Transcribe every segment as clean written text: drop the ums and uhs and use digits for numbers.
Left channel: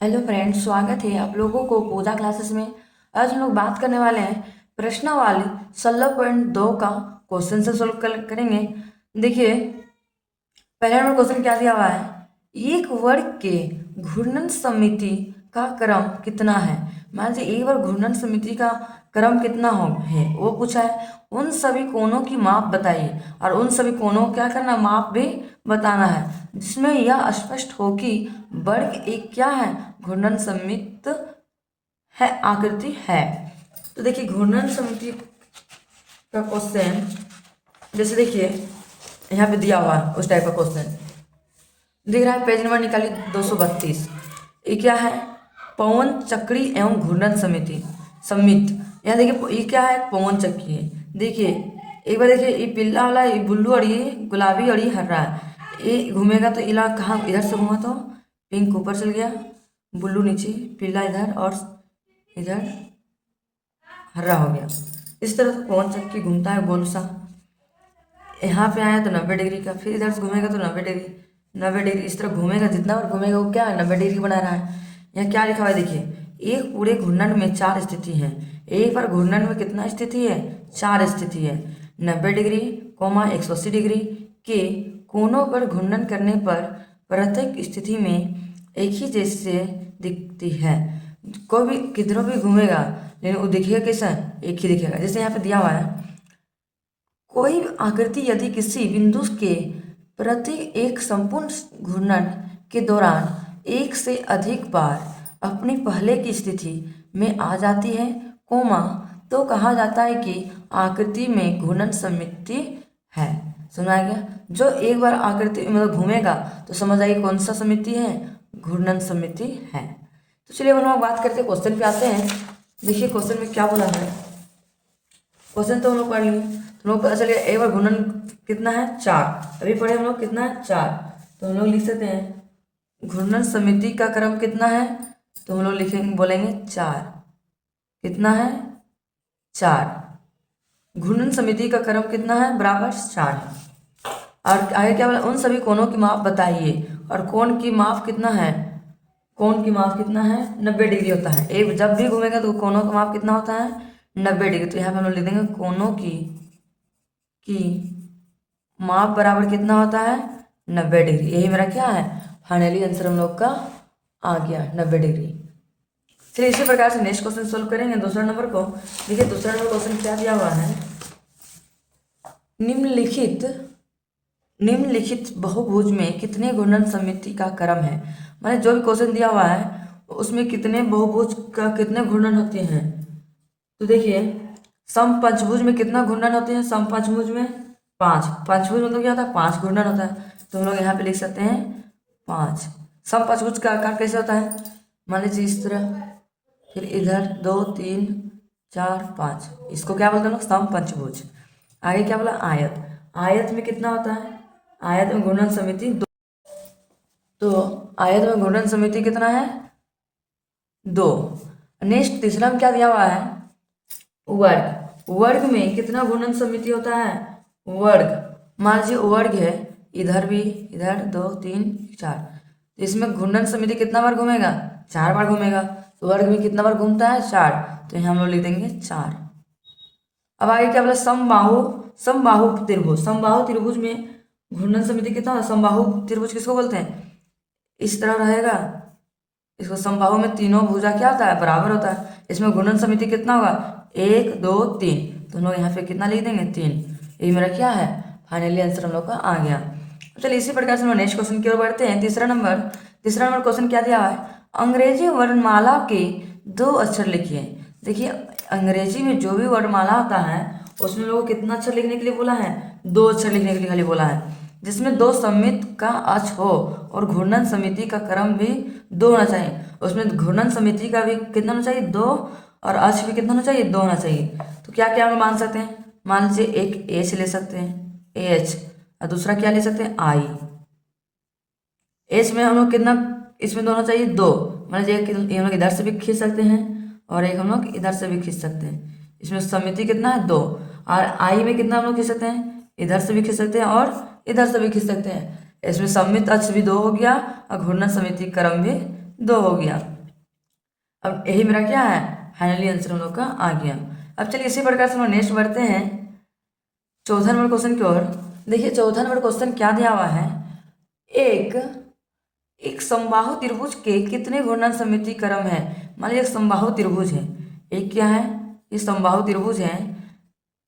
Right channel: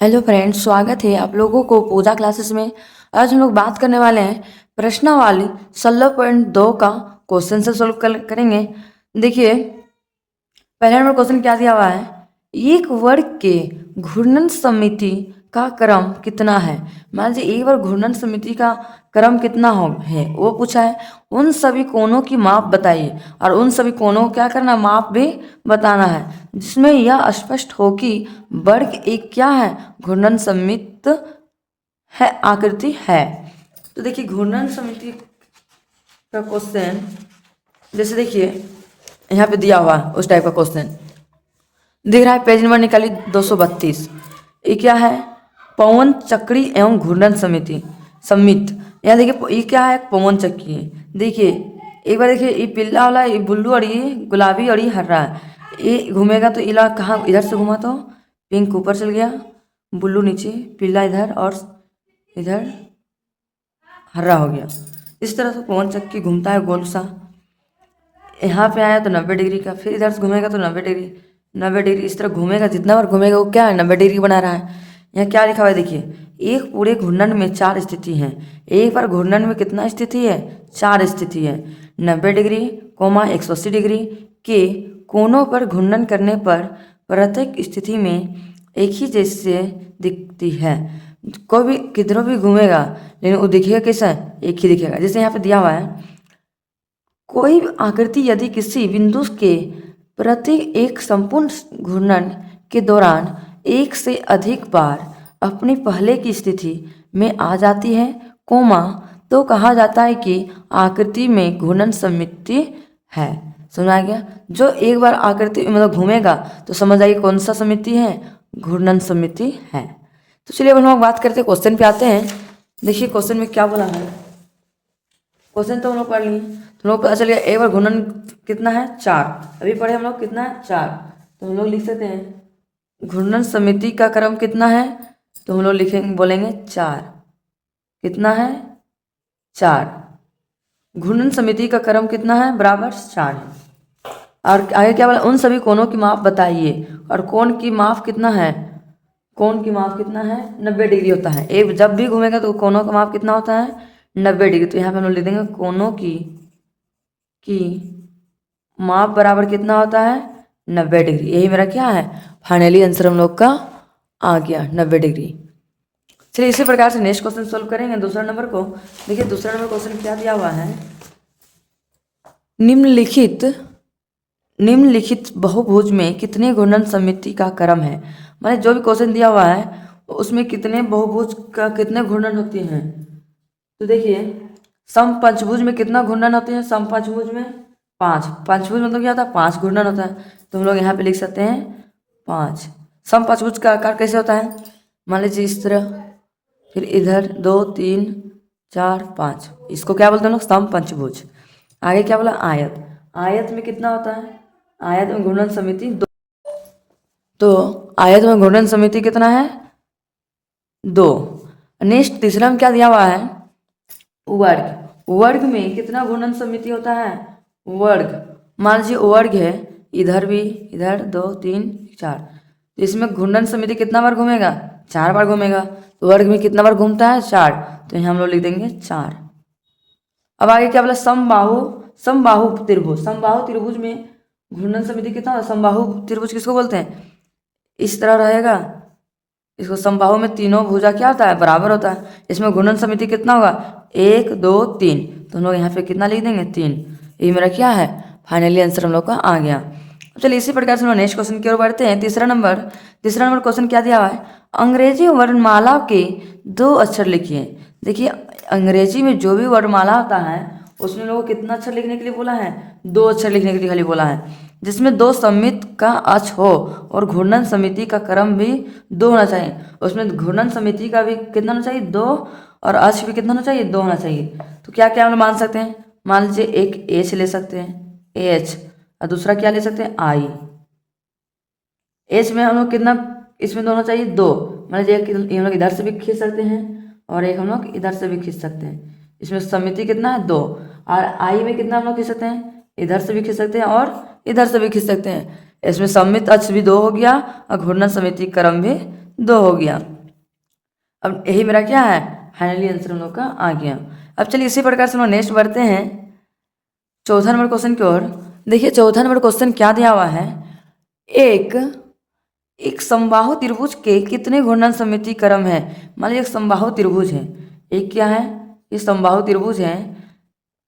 Hello friends, स्वागत है आप लोगों को पूजा क्लासेस में। आज हम लोग बात करने वाले हैं प्रश्नावली 16.2 का क्वेश्चन से सोल्व करेंगे। देखिए, पहला नंबर क्वेश्चन क्या दिया हुआ है। एक वर्ग के घूर्णन समिति का क्रम कितना है। मान लीजिए एक बार घूर्णन समिति का क्रम कितना हो है वो पूछा है। उन सभी कोणों की माप बताइए और उन सभी कोणों को क्या करना, माप भी बताना है, जिसमें यह स्पष्ट हो कि वर्ग एक क्या है, घूर्णन समित है, आकृति है। तो देखिए घूर्णन समिति का क्वेश्चन, जैसे देखिए यहाँ पे दिया हुआ है उस टाइप का क्वेश्चन दिख रहा है। पेज नंबर निकाली 232। ये क्या है, पवन चक्री एवं घूर्णन समिति समित। यहाँ देखिए ये क्या है, पवन चक्की है। देखिए एक बार देखिए, ये पीला वाला, ये ब्लू और ये गुलाबी और ये हरा है। ये घूमेगा तो इला कहाँ, इधर से घूमा तो पिंक ऊपर चल गया, ब्लू नीचे, पीला इधर और इधर हरा हो गया। इस तरह से पवन चक्की घूमता है गोल सा। यहाँ पे आया तो 90 डिग्री का, फिर इधर से घूमेगा तो 90 डिग्री, 90 डिग्री, इस तरह घूमेगा। जितना बार घूमेगा वो क्या है, 90 डिग्री बना रहा है। यहाँ क्या लिखा हुआ है देखिए, एक पूरे घूर्णन में 4 स्थिति हैं। एक बार घूर्णन में कितना स्थिति है, 4 स्थिति है। 90 डिग्री, 180 डिग्री के कोनों पर घूर्णन करने पर प्रत्येक स्थिति में एक ही जैसे दिखती है। कोई भी किधरों भी घूमेगा लेकिन वो दिखेगा कैसा, एक ही दिखेगा। जैसे यहाँ पे दिया हुआ है, कोई आकृति यदि किसी बिंदु के प्रति एक संपूर्ण घूर्णन के दौरान एक से अधिक बार अपनी पहले की स्थिति में आ जाती है, कोमा, तो कहा जाता है कि आकृति में घूर्णन समिति है। समझ आ गया। जो एक बार आकृति मतलब घूमेगा तो समझ आइए कौन सा समिति है, घूर्णन समिति है। तो चलिए अब हम लोग बात करते हैं, क्वेश्चन पे आते हैं। देखिए क्वेश्चन में क्या बोला है। क्वेश्चन तो हम लोग पढ़ लिए, तो हम लोग पता चल गया एक बार घूर्णन कितना है, 4। अभी पढ़े हम लोग कितना है, 4। तो हम लोग लिख सकते हैं घूर्णन समिति का क्रम कितना है, तो हम लोग लिखेंगे, बोलेंगे 4। कितना है, 4। घूर्णन समिति का क्रम कितना है, बराबर 4। और आगे क्या बोला, उन सभी कोणों की माप बताइए। और कोण की माप कितना है, कोण की माप कितना है, 90 डिग्री होता है। एक जब भी घूमेगा तो कोणों का माप कितना होता है, 90 डिग्री। तो यहाँ पे हम लोग लिख देंगे कोणों की माप बराबर कितना होता है, 90 डिग्री। यही मेरा क्या है, फाइनली आंसर हम लोग का आ गया, 90 डिग्री। चलिए इसी प्रकार से नेक्स्ट क्वेश्चन सोल्व करेंगे, दूसरा नंबर को। देखिए दूसरा नंबर क्वेश्चन क्या दिया हुआ है, निम्नलिखित निम्नलिखित बहुभुज में कितने घूर्णन समिति का क्रम है। मैंने जो भी क्वेश्चन दिया हुआ है उसमें कितने बहुभुज का कितने घूर्णन होते हैं। तो देखिए समपंचभुज में कितना घूर्णन होते हैं, समपंचभुज में 5। पंचभुज मतलब क्या होता है, 5 घूर्णन होता है। तो हम लोग यहाँ पे लिख सकते हैं 5। समपंचभुज का आकार कैसे होता है, मान लीजिए इस तरह, फिर इधर 2 3 4 5, इसको क्या बोलते हैं हम लोग, समपंचभुज। आगे क्या बोला, आयत। आयत में कितना होता है, आयत में घूर्णन समिति 2। तो आयत में घूर्णन समिति कितना है, 2। नेक्स्ट तीसरा में क्या दिया हुआ है, वर्ग। वर्ग में कितना घूर्णन समिति होता है, वर्ग। मान लीजिए वर्ग है, इधर भी, इधर 2 3 4, तो इसमें घूर्णन समिति कितना बार घूमेगा, 4 बार घूमेगा। तो वर्ग में कितना बार घूमता है, 4। तो यहाँ हम लोग लिख देंगे 4। अब आगे क्या बोला, समबाहु समबाहु त्रिभुज। समबाहु त्रिभुज में घूर्णन समिति कितना होगा, समबाहु त्रिभुज किसको बोलते हैं, इस तरह रहेगा। इसको समबाहु में तीनों भुजा क्या होता है, बराबर होता है। इसमें घूर्णन समिति कितना होगा, 1 2 3। तो हम लोग यहाँ पे कितना लिख देंगे, 3। ये मेरा क्या है, फाइनली आंसर हम लोग का आ गया। चलिए इसी प्रकार से हम लोग नेक्स्ट क्वेश्चन की ओर बढ़ते हैं। तीसरा नंबर क्वेश्चन क्या दिया हुआ है, अंग्रेजी वर्णमाला के 2 अक्षर लिखिए। देखिए अंग्रेजी में जो भी वर्णमाला होता है उसमें लोगों को कितना अक्षर लिखने के लिए बोला है, 2 अक्षर लिखने के लिए खाली बोला है, जिसमें 2 समित का अक्ष हो और घूर्णन समिति का क्रम भी 2 होना चाहिए। उसमें घूर्णन समिति का भी कितना होना चाहिए, 2, और अक्ष भी कितना होना चाहिए, 2 होना चाहिए। तो क्या क्या हम मान सकते हैं, मान लीजिए एक एच ले सकते हैं, एच, और दूसरा क्या ले सकते हैं, आई। एच में हम लोग कितना, इसमें दोनों चाहिए 2। मान लीजिए हम लोग इधर से भी खींच सकते हैं और एक हम लोग इधर से भी खींच सकते हैं। इसमें समिति कितना है, 2। और आई में कितना हम लोग खींच सकते हैं, इधर से भी खींच सकते हैं और इधर से भी खींच सकते हैं। इसमें सममित अक्ष भी 2 हो गया और घूर्णन समिति क्रम भी 2 हो गया। अब यही मेरा क्या है, फाइनली आंसर हम लोग का आ गया। अब चलिए इसी प्रकार से हम लोग नेक्स्ट बढ़ते हैं चौथा नंबर क्वेश्चन की ओर। देखिए चौथा नंबर क्वेश्चन क्या दिया हुआ है, एक एक समबाहु त्रिभुज के कितने घूर्णन सममिति क्रम है। मान लीजिए एक समबाहु त्रिभुज है, एक क्या है, ये समबाहु त्रिभुज है,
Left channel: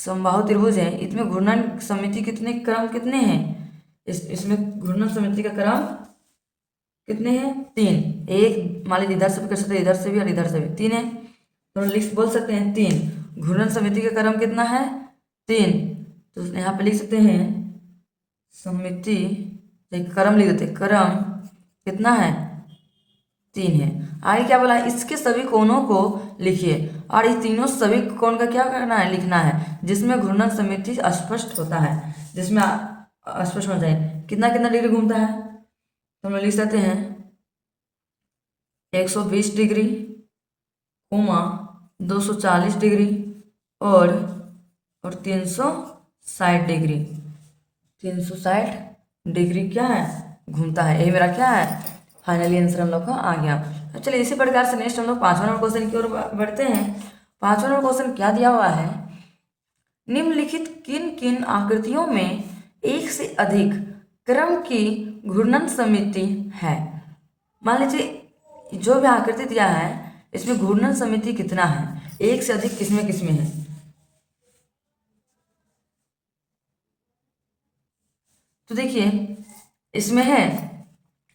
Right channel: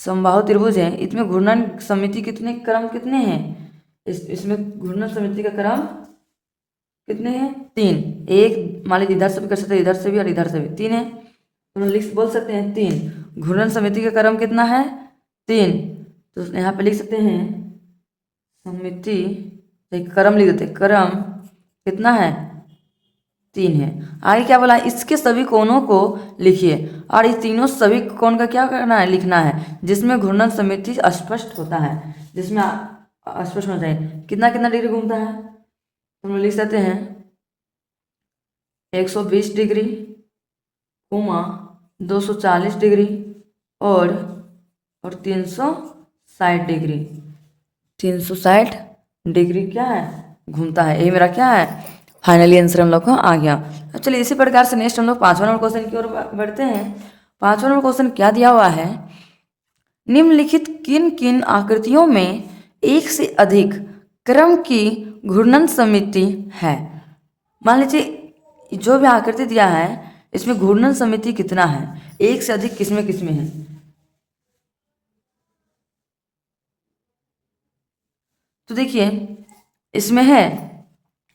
समबाहु त्रिभुज है, इसमें घूर्णन समिति कितने क्रम कितने हैं, इसमें घूर्णन समिति का क्रम कितने हैं, 3। एक मान लीजिए इधर से भी कर सकते हैं, इधर से भी और इधर से भी 3 है, तो लिस्ट बोल सकते हैं 3। घूर्णन समिति का क्रम कितना है, 3। तो यहाँ पे लिख सकते हैं समिति, क्रम लिख देते हैं, क्रम कितना है, 3 है। आगे क्या बोला, इसके सभी कोणों को लिखिए, और इस तीनों सभी कोण का क्या करना है, लिखना है, जिसमें घूर्णन समिति स्पष्ट होता है, जिसमें स्पष्ट होना चाहिए। कितना कितना डिग्री घूमता है, तो हम लिख सकते हैं 120 डिग्री, 240 डिग्री और 360 डिग्री। 360 डिग्री क्या है, घूमता है। ये मेरा क्या है, फाइनली आंसर हम लोग को आ गया। अब चलिए इसी प्रकार से नेक्स्ट हम लोग 5वां नंबर क्वेश्चन की ओर बढ़ते हैं। 5वां नंबर क्वेश्चन क्या दिया हुआ है, निम्नलिखित किन किन आकृतियों में एक से अधिक क्रम की घूर्णन समिति है। मान लीजिए जो भी आकृति दिया है इसमें घूर्णन समिति कितना है, एक से अधिक किसमें किसमें है। तो देखिए इसमें है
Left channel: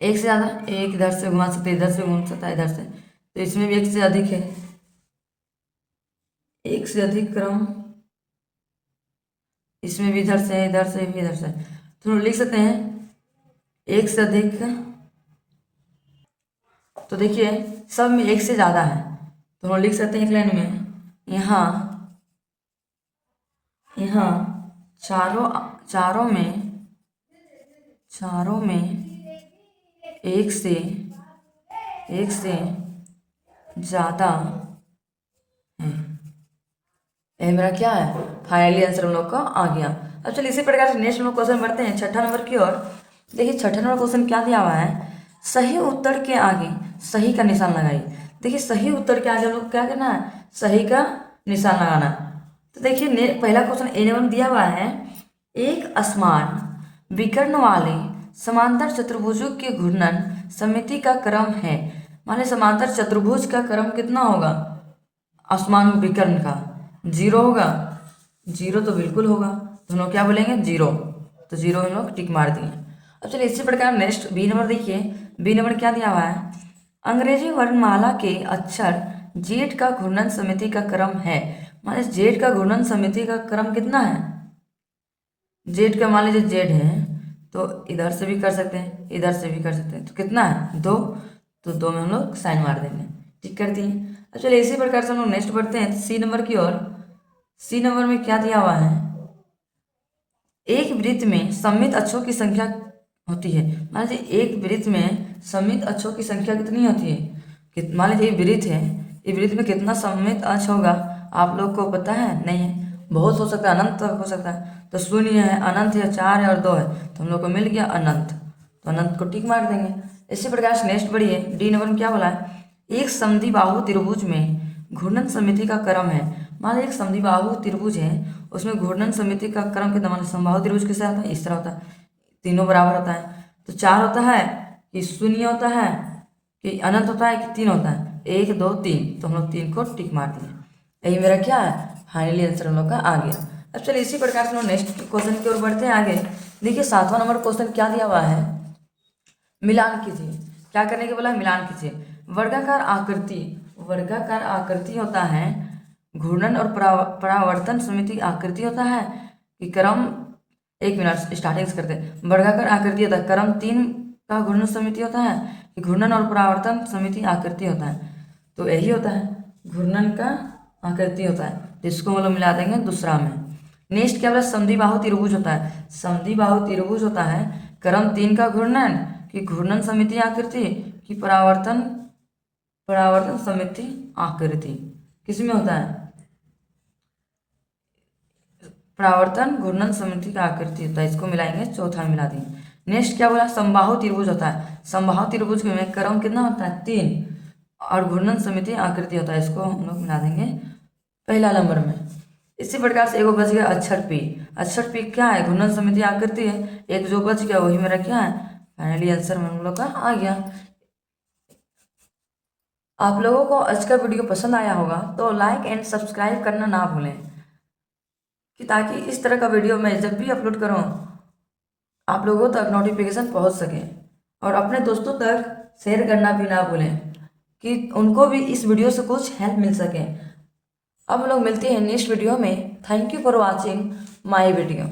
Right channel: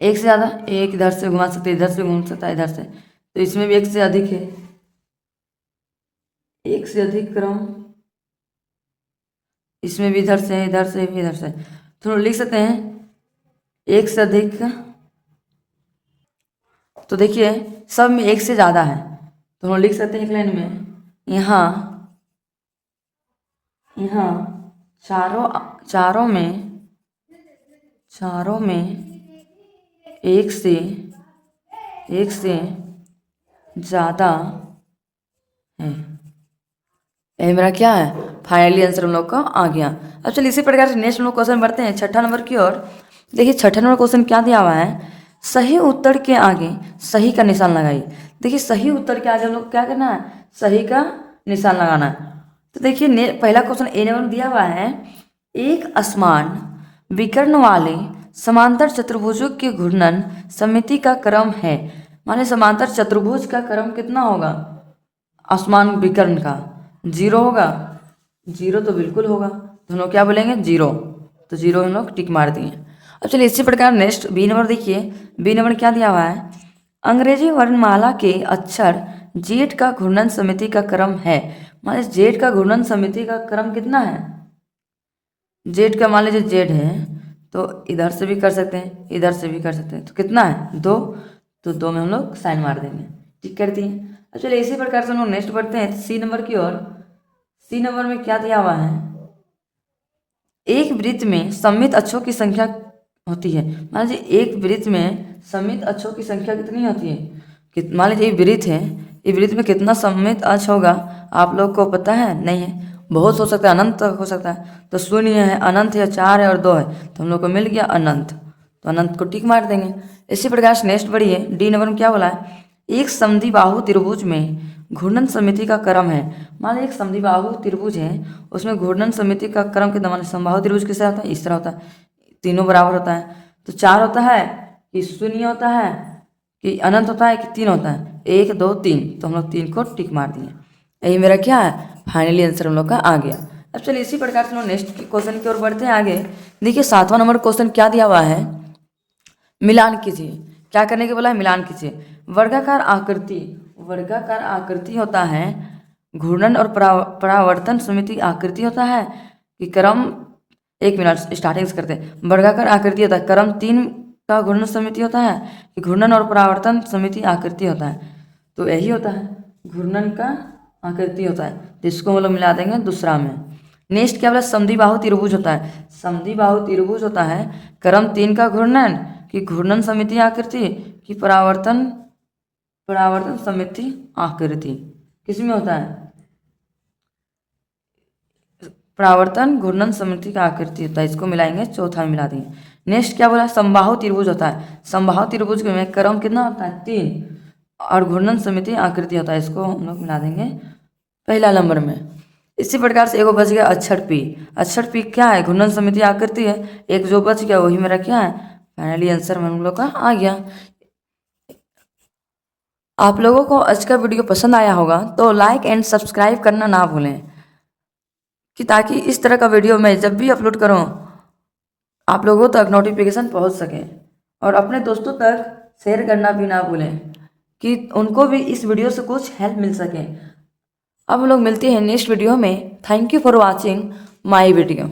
एक से ज़्यादा, एक इधर से घुमा सकते, इधर से घूम सकता है, इधर से, तो इसमें भी एक से अधिक है, एक से अधिक क्रम, इसमें भी इधर से इधर से भी इधर से, तो लिख सकते हैं एक से अधिक। तो देखिए सब में एक से ज़्यादा है, तो हम लिख सकते हैं एक लाइन में, यहाँ यहाँ चारों चारों में एक से ज़्यादा है। ये मेरा क्या है, फाइनली आंसर हम लोग का आ गया। अब चलिए इसी प्रकार से नेक्स्ट हम लोग क्वेश्चन बढ़ते हैं 6ठा नंबर की ओर। देखिए 6ठा नंबर क्वेश्चन क्या दिया हुआ है, सही उत्तर के आगे सही का निशान लगाइए। देखिए सही उत्तर के आगे हम लोग क्या करना है, सही का निशान लगाना है। तो देखिए पहला क्वेश्चन ए नंबर दिया हुआ है, एक असमान विकर्ण वाले समांतर चतुर्भुजों के घूर्णन समिति का क्रम है। माने समांतर चतुर्भुज का क्रम कितना होगा, असमान विकर्ण का 0 होगा, 0 तो बिल्कुल होगा, तो हम लोग क्या बोलेंगे 0, तो 0 हम लोग टिक मार दिए। अब चलिए इसी प्रकार नेक्स्ट बी नंबर देखिए, बी नंबर क्या दिया हुआ है, अंग्रेजी वर्णमाला के अक्षर जेड का घूर्णन समिति का क्रम है। मान लीजिए जेड का घूर्णन समिति का क्रम कितना है, जेड का मान लीजिए जेड है, तो इधर से भी कर सकते हैं, इधर से भी कर सकते हैं, तो कितना है 2, तो 2 में हम लोग साइन मार देंगे, ठीक कर दिए। अब चलिए इसी प्रकार से हम लोग नेक्स्ट बढ़ते हैं सी नंबर की ओर। सी नंबर में क्या दिया हुआ है, एक वृत्त में सममित अक्षों की संख्या होती है। मान लीजिए एक वृत्त में सममित अक्षों की संख्या कितनी होती है, मान लीजिए ये वृत्त है, ये वृत्त में कितना सममित अक्ष होगा आप लोग को पता है, नहीं है, बहुत हो सकता है, अनंत तक हो सकता है, तो 0 है, अनंत है, 4 है और 2 है, तो हम लोग को मिल गया अनंत, तो अनंत को टिक मार देंगे। इसी प्रकार से नेक्स्ट बढ़िए डी नंबर में क्या बोला है, एक समद्विबाहु त्रिभुज में घूर्णन समिति का क्रम है। मान लीजिए एक समद्विबाहु त्रिभुज है, उसमें घूर्णन समिति का क्रम कितना, मान समबाहु त्रिभुज किससे होता है, इस तरह होता है, तीनों बराबर होता है, तो 4 होता है कि 0 होता है कि अनंत होता है कि 3 होता है, 1 2 3, तो हम लोग 3 को टिक मार दिए। यही मेरा क्या है, फाइनली आंसर हम लोग का आ गया। अब चलिए इसी प्रकार से हम लोग नेक्स्ट क्वेश्चन की ओर बढ़ते हैं आगे। देखिए 7वां नंबर क्वेश्चन क्या दिया हुआ है, मिलान कीजिए। क्या करने के बोला है, मिलान कीजिए। वर्गाकार आकृति होता है, घूर्णन और परावर्तन समिति आकृति होता है कि क्रम, एक मिनट स्टार्टिंग से करते हैं। वर्गाकार आकृति होता है, क्रम 3 का घूर्णन समिति होता है कि घूर्णन और परावर्तन समिति आकृति होता है, तो यही होता है, घूर्णन का आकृति होता है, जिसको हम लोग मिला देंगे दूसरा में। नेक्स्ट क्या बोला, समद्विबाहु त्रिभुज होता है, समद्विबाहु त्रिभुज होता है क्रम 3 का घूर्णन कि घूर्णन समिति आकृति कि परावर्तन समिति आकृति, किसमें होता है, परावर्तन घूर्णन समिति का आकृति होता है, इसको मिलाएंगे, चौथा में मिला देंगे। नेक्स्ट क्या बोला, समबाहु त्रिभुज होता है। समबाहु त्रिभुज में क्रम कितना होता है, 3, और घूर्णन समिति आकृति होता है। इसको हम लोग मिला देंगे पहला नंबर में। इसी प्रकार से एगो बच गया अक्षर पी। अक्षर पी क्या है, घूर्णन समिति आकृति है। एक जो बच गया वही मेरा क्या है, फाइनली आंसर हम लोग का आ गया। आप लोगों को आज का वीडियो पसंद आया होगा तो लाइक एंड सब्सक्राइब करना ना भूलें, कि ताकि इस तरह का वीडियो मैं जब भी अपलोड करूं आप लोगों तक नोटिफिकेशन पहुंच सके। और अपने दोस्तों तक शेयर करना भी ना भूलें, कि उनको भी इस वीडियो से कुछ हेल्प मिल सके। अब हम लोग मिलते हैं नेक्स्ट वीडियो में। Thank you for watching my video.